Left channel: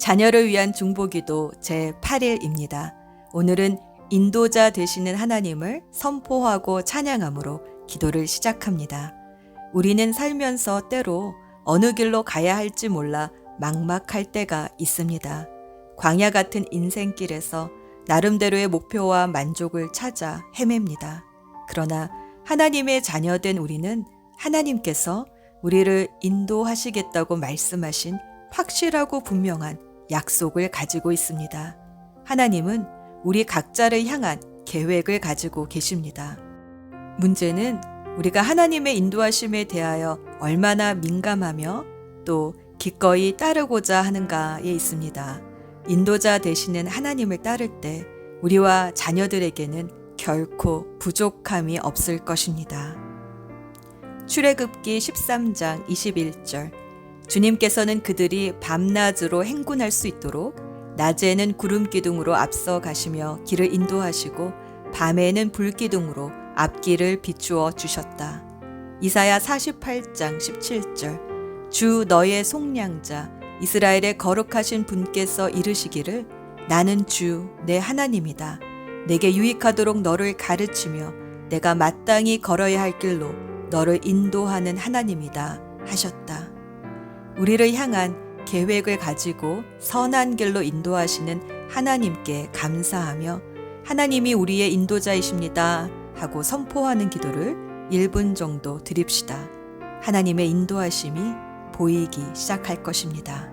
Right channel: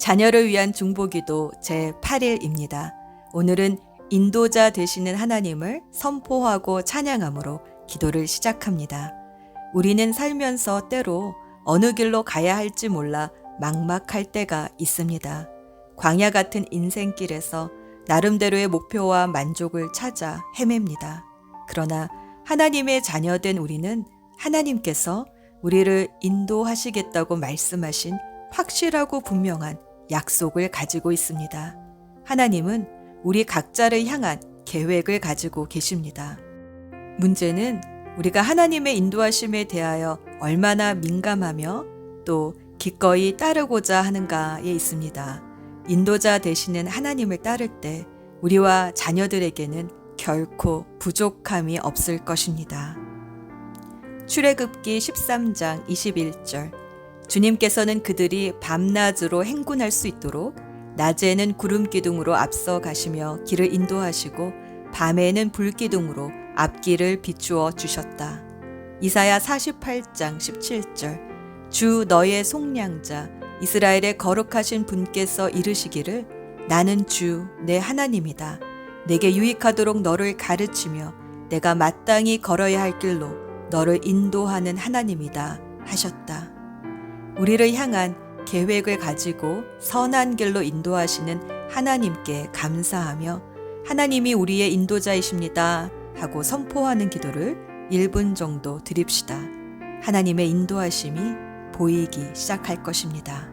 자녀를 위한 중보기도 제8일입니다. 오늘은 인도자 되시는 하나님을 선포하고 찬양함으로 기도를 시작합니다. 우리는 살면서 때로 어느 길로 가야 할지 몰라 막막할 때가 있습니다. 광야 같은 인생길에서 나름대로의 목표와 만족을 찾아 헤맵니다. 그러나 하나님의 자녀된 우리는 하나님께서 우리를 인도하시겠다고 말씀하신 확실하고 분명한 약속을 가지고 있습니다. 하나님은 우리 각자를 향한 계획을 가지고 계십니다. 문제는 우리가 하나님의 인도하심에 대하여 얼마나 민감하며 또 기꺼이 따르고자 하는가에 있습니다. 인도자 되시는 하나님을 따를 때 우리와 자녀들에게는 결코 부족함이 없을 것입니다. 출애굽기 13장 21절 주님께서는 그들이 밤낮으로 행군할 수 있도록 낮에는 구름 기둥으로 앞서 가시며 길을 인도하시고 밤에는 불 기둥으로 앞길을 비추어 주셨다. 이사야 48장 17절 주 너의 속량자 이스라엘의 거룩하신 분께서 이르시기를 나는 주 내 하나님이다. 내게 유익하도록 너를 가르치며 내가 마땅히 걸어야 할 길로 너를 인도하는 하나님이다 하셨다. 우리를 향한 계획을 가지고 선한 길로 인도하시는 하나님께 감사하며 하나님이 우리의 인도자이십니다 하고 선포하는 기도를 1분 정도 드립시다. 하나님의 인도하심이 보이기 시작할 것입니다.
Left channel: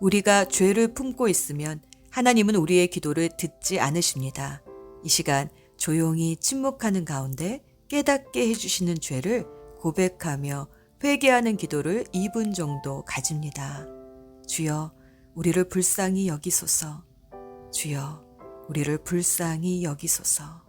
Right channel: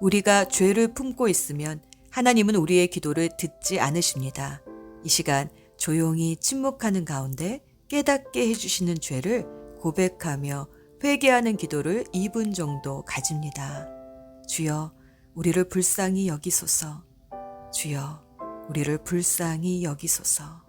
우리가 죄를 품고 있으면 하나님은 우리의 기도를 듣지 않으십니다. 이 시간 조용히 침묵하는 가운데 깨닫게 해주시는 죄를 고백하며 회개하는 기도를 2분 정도 가집니다. 주여, 우리를 불쌍히 여기소서. 주여, 우리를 불쌍히 여기소서.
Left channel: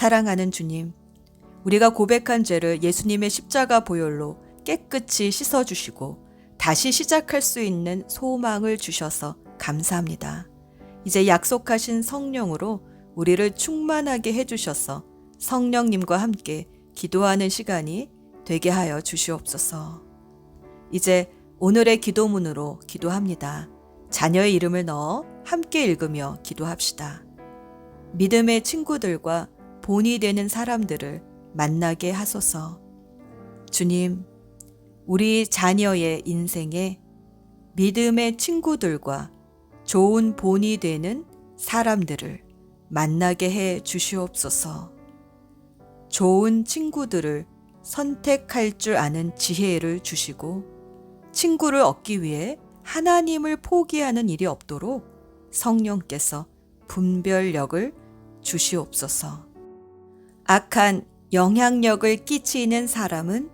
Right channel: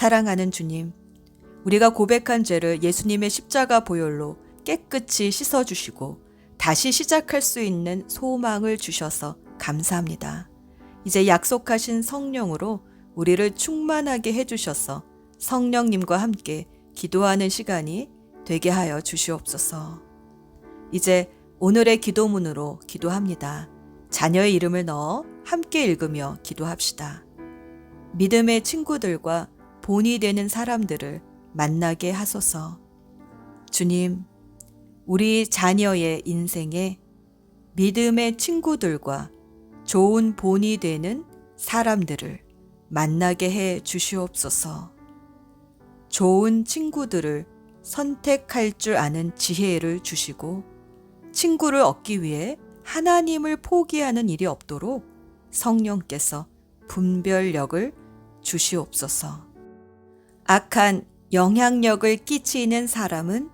사랑하는 주님, 우리가 고백한 죄를 예수님의 십자가 보혈로 깨끗이 씻어주시고 다시 시작할 수 있는 소망을 주셔서 감사합니다. 이제 약속하신 성령으로 우리를 충만하게 해주셔서 성령님과 함께 기도하는 시간이 되게 하여 주시옵소서. 이제 오늘의 기도문으로 기도합니다. 자녀의 이름을 넣어 함께 읽으며 기도합시다. 믿음의 친구들과 본이 되는 사람들을 만나게 하소서. 주님, 우리 자녀의 인생에 믿음의 친구들과 좋은 본이 되는 사람들을 만나게 해 주시옵소서. 좋은 친구들을 선택할 줄 아는 지혜를 주시고 친구를 얻기 위해 하나님을 포기하는 일이 없도록 성령께서 분별력을 주시옵소서. 악한 영향력을 끼치는 사람은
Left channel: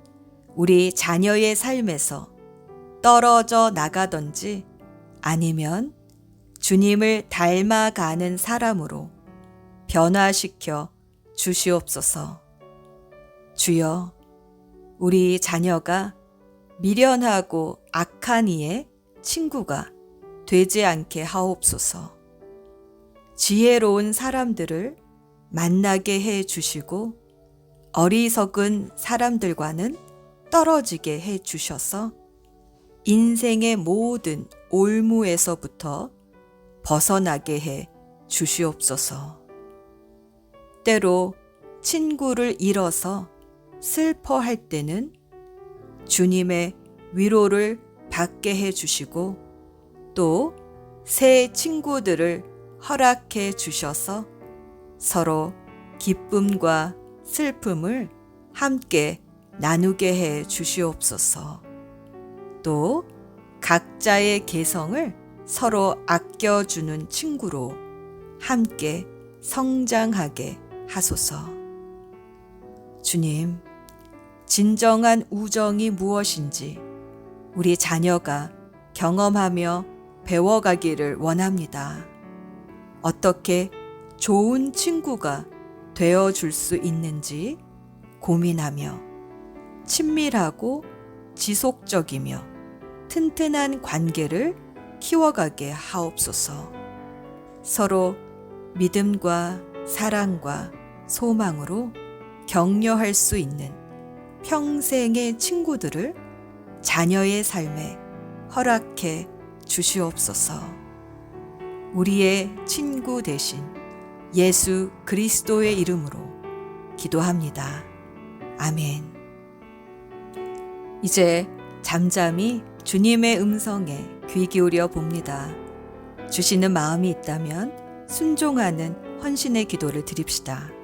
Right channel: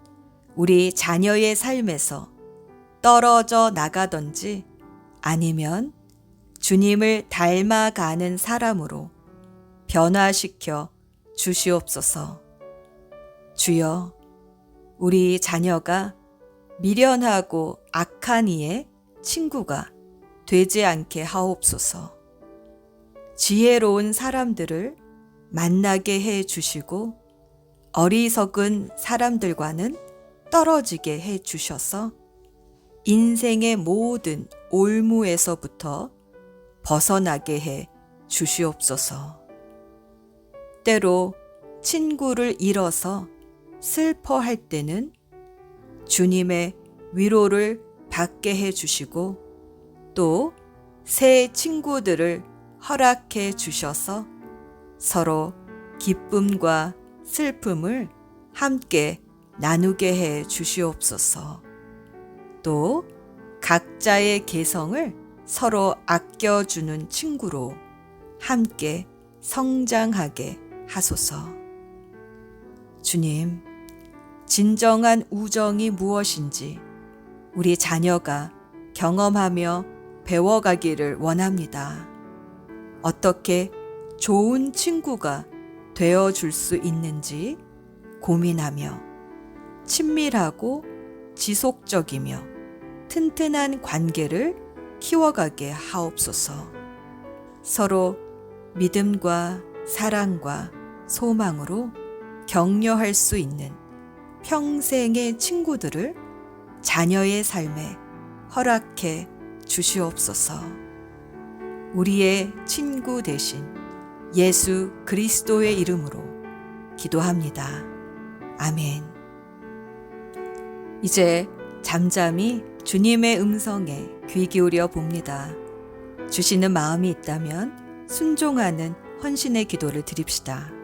우리 자녀의 삶에서 떨어져 나가든지 아니면 주님을 닮아가는 사람으로 변화시켜 주시옵소서. 주여, 우리 자녀가 미련하고 악한 이의 친구가 되지 않게 하옵소서. 지혜로운 사람들을 만나게 해 주시고 어리석은 사람들과는 떨어지게 해 주셔서 인생의 모든 올무에서부터 벗어나게 해 주시옵소서. 때로 친구를 잃어서 슬퍼할 때는 주님의 위로를 받게 해 주시고 또 새 친구들을 허락해 주셔서 서로 기쁨과 슬픔을 함께 나누게 해 주시옵소서. 또 각자의 개성을 서로 아껴주는 친구로 함께 성장하게 하소서. 주님, 진정한 우정이 무엇인지 우리 자녀가 경험하며 배워가기를 원합니다. 어떻게 좋은 친구가 되어줄 수 있는지 고민하며 친밀하고 지속적이며 튼튼한 관계를 키워가게 하옵소서. 서로 믿음과 사랑과 소망으로 격려할 수 있는 평생의 친구들을 자녀의 삶에 허락해 주시옵소서. 우리의 친구 되신 예수 그리스도의 이름으로 기도합니다. 아멘. 이제 잠잠히 주님의 음성에 귀 기울여 봅니다. 주시는 마음이 있다면 순종하는 헌신의 기도를 드립시다.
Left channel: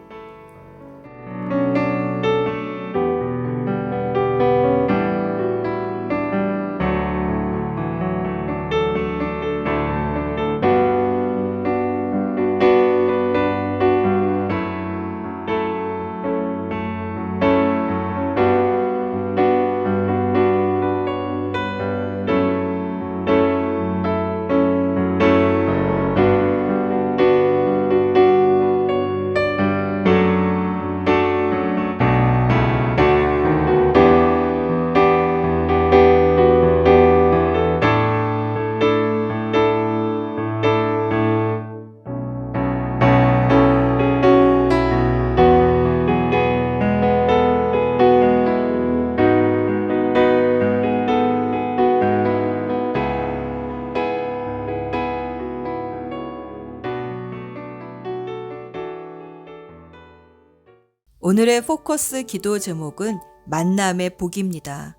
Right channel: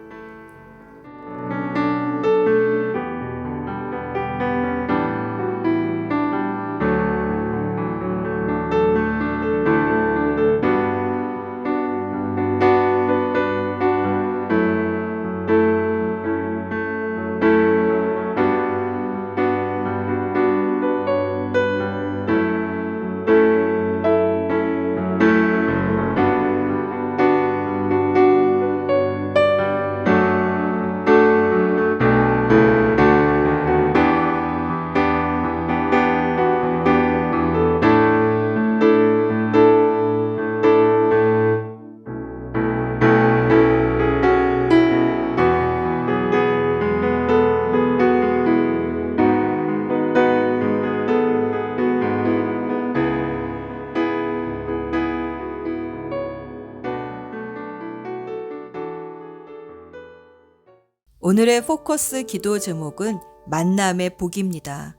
오늘의 포커스 기도 제목은 만남의 복입니다.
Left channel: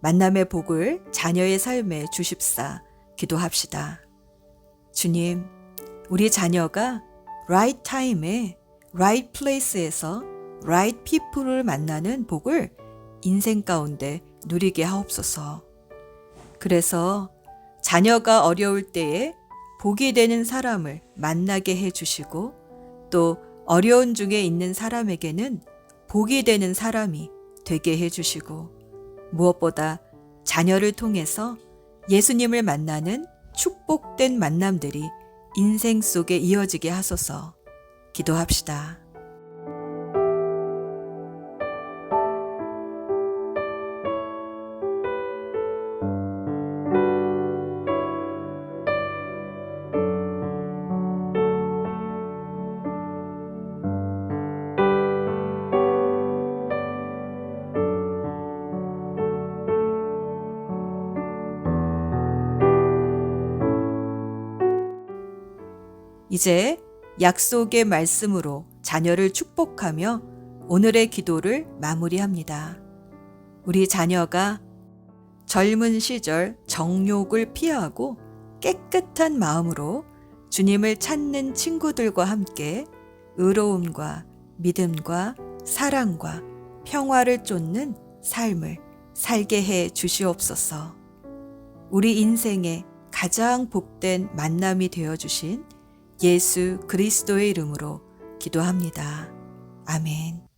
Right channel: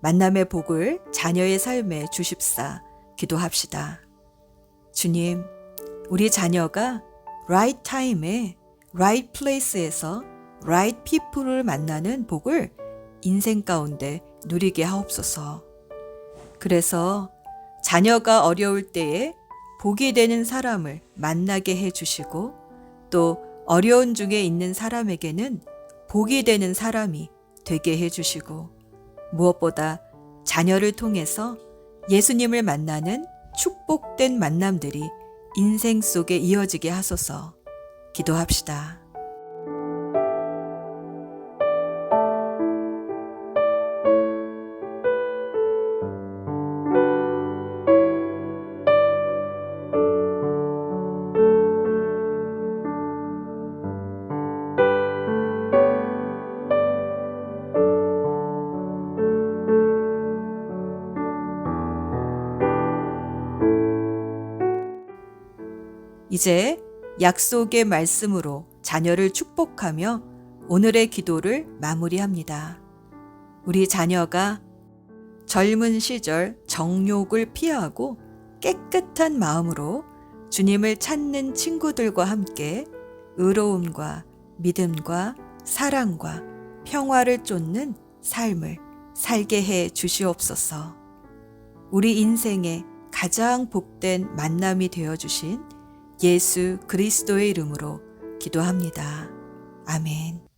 만남의 복을 자녀의 삶에 주십사 기도합시다. 주님, 우리 자녀가 right time에 right place에서 right people을 만나는 복을 인생 가운데 누리게 하옵소서. 그래서 자녀가 어려울 때에 복이 되는 사람을 만나게 해주시고 또 어려운 중에 있는 사람에게는 복이 되는 사람이 되게 해주시고 무엇보다 자녀를 통해서 예수님을 만나는 축복된 만남들이 인생 속에 이어지게 하소서. 기도합시다. 이제 약속의 말씀으로 자녀를 축복하며 오늘의 기도를 마무리합니다. 우리 자녀가 젊은 시절 정욕을 피하고 깨끗한 마음으로 주님을 찾는 친구들과 함께 의로움과 믿음과 사랑과 평화를 쫓는 삶을 살게 해 주시옵소서. 우리 인생의 가장 복된 만남이 되어 주신 예수 그리스도의 이름으로 기도합니다. 아멘.